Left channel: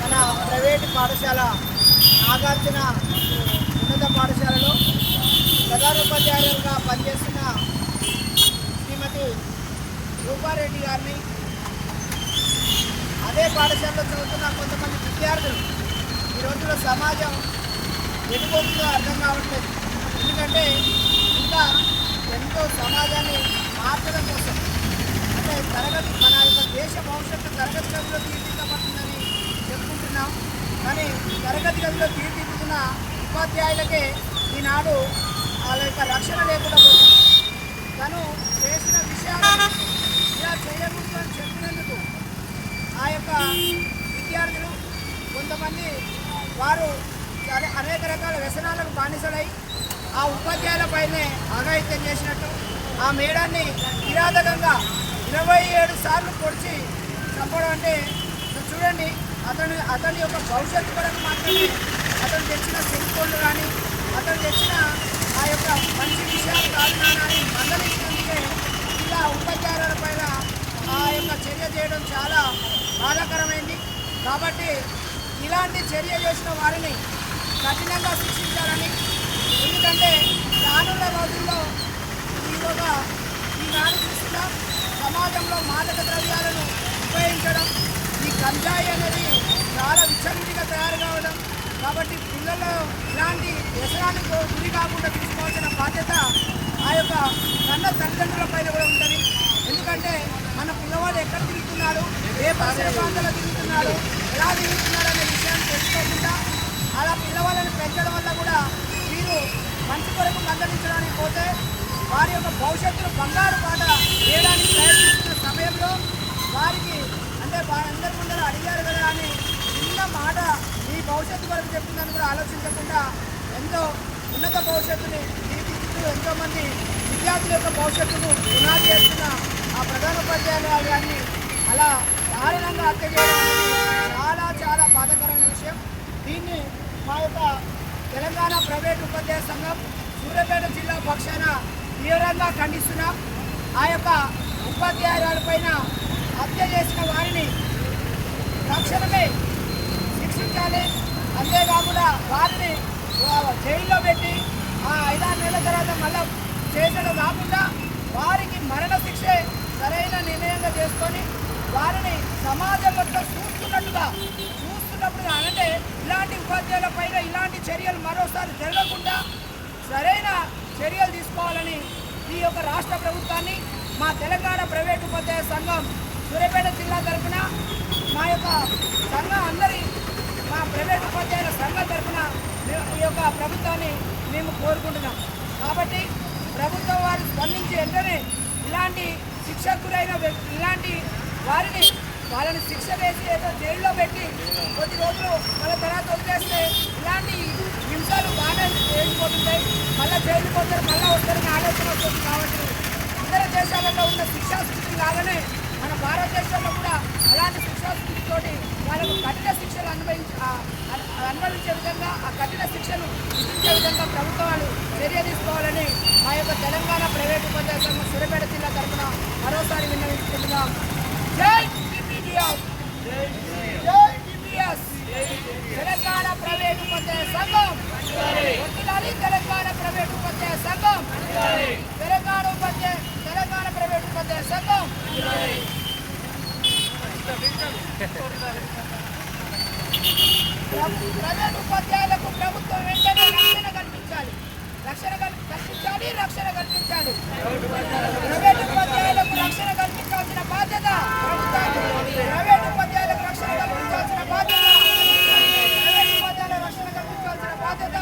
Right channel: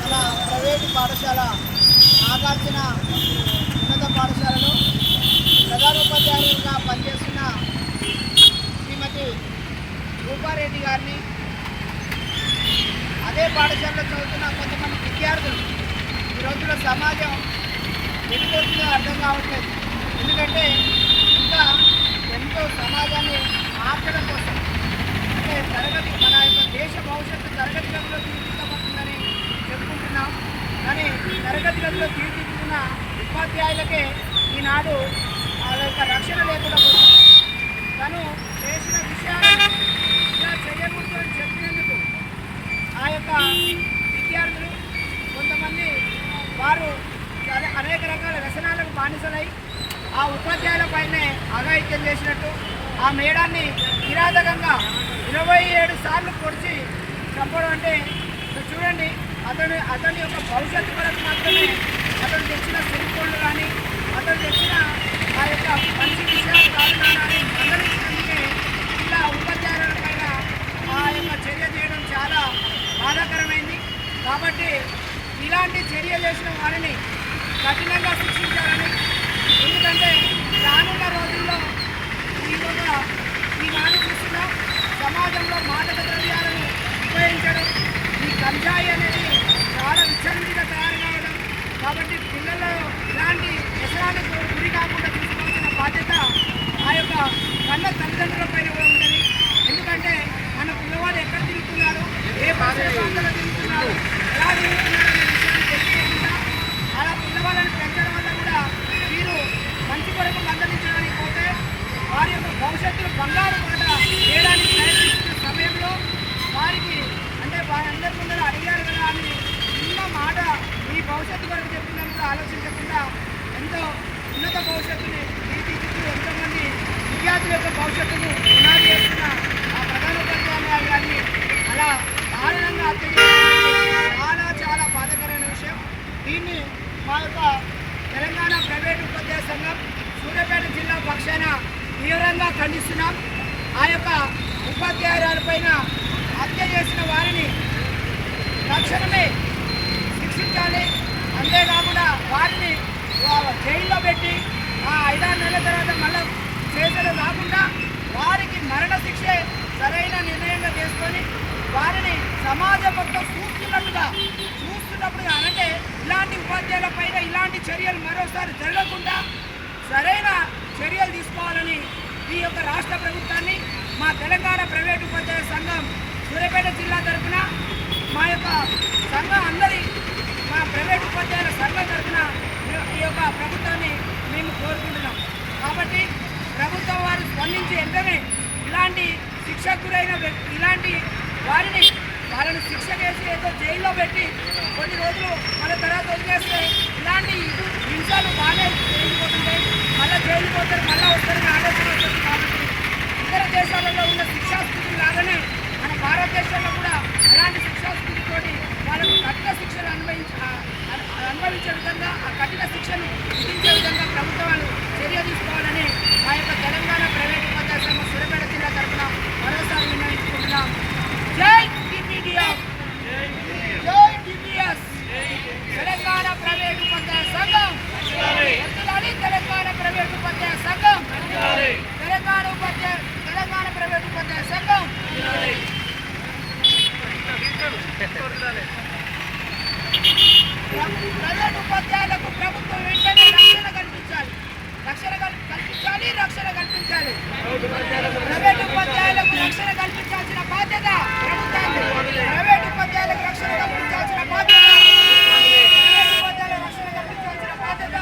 మన ప్రైవేటు పాఠశాల నాగార్జున ఉన్నత పాఠశాలలో ప్రధానోపాధ్యాయులుగా పనిచేస్తున్న శ్రీమతి రూపారెడ్డి గారిని, అదే పాఠశాలలో చదువుతున్న కొంతమంది విద్యార్థులు ఈ రోజుల్లో సమాజం ఎదుగుతుందో అర్థం కావట్లేదు. ఎందుకంటే ఇంకా ఎంతో సమాజాన్ని మార్చడం కోసం, అంటే తరగతి మన యొక్క దేశ భవిష్యత్తు తరగతి గదిలో తీర్చిదిద్దబడుతుందని చెప్పుకుంటున్నాం. కానీ తరగతి గదిలో తీర్చిదిద్దిన ఉపాధ్యాయులకే ఈనాడు వాళ్ళ యొక్క రక్షణ లేకుండా పోతుంది. తను చేసిన విషయాలను ఇలా చేయకూడదు అని చెప్పినందుకు ఆ యొక్క విద్యార్థులు కొంతమంది వారు అనేక రకాల వ్యసనాలకు బానిసలై ఆ ఉపాధ్యాయులపైనే అఘాయిత్యం చేసినట్టు, ఆ మేడాన్ని కిరాతకంగా 27 సార్లు పొడిచి చంపడం. అంటే చూడండి, అతని యొక్క భవిష్యత్తు కొరకు మాత్రమే అతను తెచ్చిన సెల్ఫోన్లు కానీ అతను తెచ్చిన ఆ యొక్క మంచి విషయాలు కాదు నాని మందలించినందుకే ఇలా ఉపాధ్యాయుల పైన ఆ యొక్క చర్య చేయడం చాలా బాధాకరమైంది. కాబట్టి ఇలాంటి చర్య చేసిన వారిని కఠినంగా శిక్షించాలని, ఎందుకంటే రానున్న రోజుల్లో ఈనాడు చూస్తున్న సమాజంలో మాదక ద్రవ్యాలను ఉపయోగించడం, ఈ గంజాయి అనేది చాలా విచ్చలవిడిగా తయారు కావడం. కాబట్టి పిల్లల్లో ఇలాంటి వ్యసనానికి గురి కాకుండా తీసుకోవాల్సిన బాధ్యత ఆ యొక్క కన్న తల్లిదండ్రుల పైన కూడా ఉంటుంది. ఎందుకంటే మన పిల్లవాడు ఎక్కడ తిరుగుతున్నాడు, ఏ పరిసర ప్రాంతాల్లో తిరుగుతున్నాడు, ఎలా తిరుగుతున్నాడు అనే విషయాన్ని తెలుసుకోకుండా అలా పిల్లవాళ్ళని పెంచడం వల్ల కూడా వీరు మంచి కొరకు మందలించడానికి పోతే వారి యొక్క భవిష్యత్తును బంగారు పాట వేయడానికి ప్రయత్నిస్తున్న సమయంలో వారికి, అంటే వారందరి ముందర అడిగారు కదా అని చిన్న మాట ఈ భవిష్యత్తు కొరకు చెప్పిందని కూడా ఆలోచించకుండా ఎంతో ఉన్నత భవిష్యత్తుని తీర్చిదిద్దుతూ ఎంతోమంది విద్యార్థుల యొక్క భవిష్యత్తును పునాది చేస్తున్న ఆ ప్రధానోపాధ్యాయులు గారిని అలా దారుణంగా హత్య చేయడం చాలా చాలా బాధాకరమైన విషయం. దీన్ని మా యొక్క తెలంగాణ ప్రైవేటు ఉపాధ్యాయ సంఘం సూర్యాపేట జిల్లా పక్షాన తీవ్రంగా ఖండిస్తున్నాం. ఆ యొక్క ఉపాధ్యాయులపైన హత్య చేసిన వారిని తక్షణమే శిక్షించాలి. అంతేకాకుండా వారిని జైల్లో పెట్టి ఆ 5-6 నెలల తర్వాత మళ్ళీ చేతులు రాకుండా వారికి మరణ శిక్షే సరైన నిర్ణయంగా చేసుకొని వారిని సమాజం మొత్తం చూస్తున్నప్పుడు అంటే ఇలాంటి ఉపాధ్యాయుల పైన ఇలాంటి చర్యలు మరోసారి జరగకుండా సరైన చర్యలు తీసుకోవాలని ఈ యొక్క రాష్ట్ర ప్రభుత్వాన్ని మా తెలంగాణ ప్రైవేటు ఉపాధ్యాయ సంఘం సూర్యాపేట జిల్లా తరఫున మా యొక్క సంఘం మా ప్రైవేటు ఉపాధ్యాయుల సంఘం తరఫున ఈ యొక్క ప్రభుత్వాన్ని మేము కోరుకుంటున్నాం. కాబట్టి ప్రభుత్వం వారు స్పందించి వెంటనే ఇలాంటి శిక్షకు గురైన ఇలాంటి వాళ్ళని శిక్ష చేసి ఏదో జైల్లో పెట్టి కొన్ని రోజులు మళ్ళీ తర్వాత వదిలేస్తే ఇలాంటి హింసలు బాగానే వేసిపోతుంటాయి. మళ్ళీ జైలు పోతారు, మళ్ళీ వస్తారని ఆలోచన వస్తుంది. కాబట్టి ఇతర దేశాలలో ఉన్న శిక్షాస్థితులు లాగానే మన భారతదేశంలో కూడా అలాంటి శిక్షాస్థితితోటి వాళ్ళకు కఠిన శిక్షలు అనుభవించే విధంగా ఆ కఠిన శిక్షను విధించే విధంగా ప్రభుత్వాలు చర్య తీసుకోవాలని మా యొక్క తెలంగాణ ప్రైవేటు ఉపాధ్యాయ సంఘం సూర్యాపేట జిల్లా తరఫున మరోసారి విన్నవించుకుంటున్నాం. జై టీపీడీఎఫ్, జై టీపీఎస్, తెలంగాణ ప్రైవేటు ఉపాధ్యాయ సంఘం వర్ధిల్లాలి, తెలంగాణ ప్రైవేటు ఉపాధ్యాయ సంఘం, తెలంగాణ ప్రైవేటు ఉపాధ్యాయ సంఘం. ప్రైవేటు ఉపాధ్యాయులకు ప్రభుత్వం వెంటనే రక్షణ కల్పించాలి. ప్రైవేటు ఉపాధ్యాయులకు రక్షణ కల్పించాల్సిన బాధ్యత ప్రభుత్వానికి. ప్రైవేటు ఉపాధ్యాయులకు రక్షణ కల్పించాల్సిన బాధ్యత, ప్రైవేటు ఉపాధ్యాయులకు రక్షణ కల్పించాల్సిన బాధ్యత.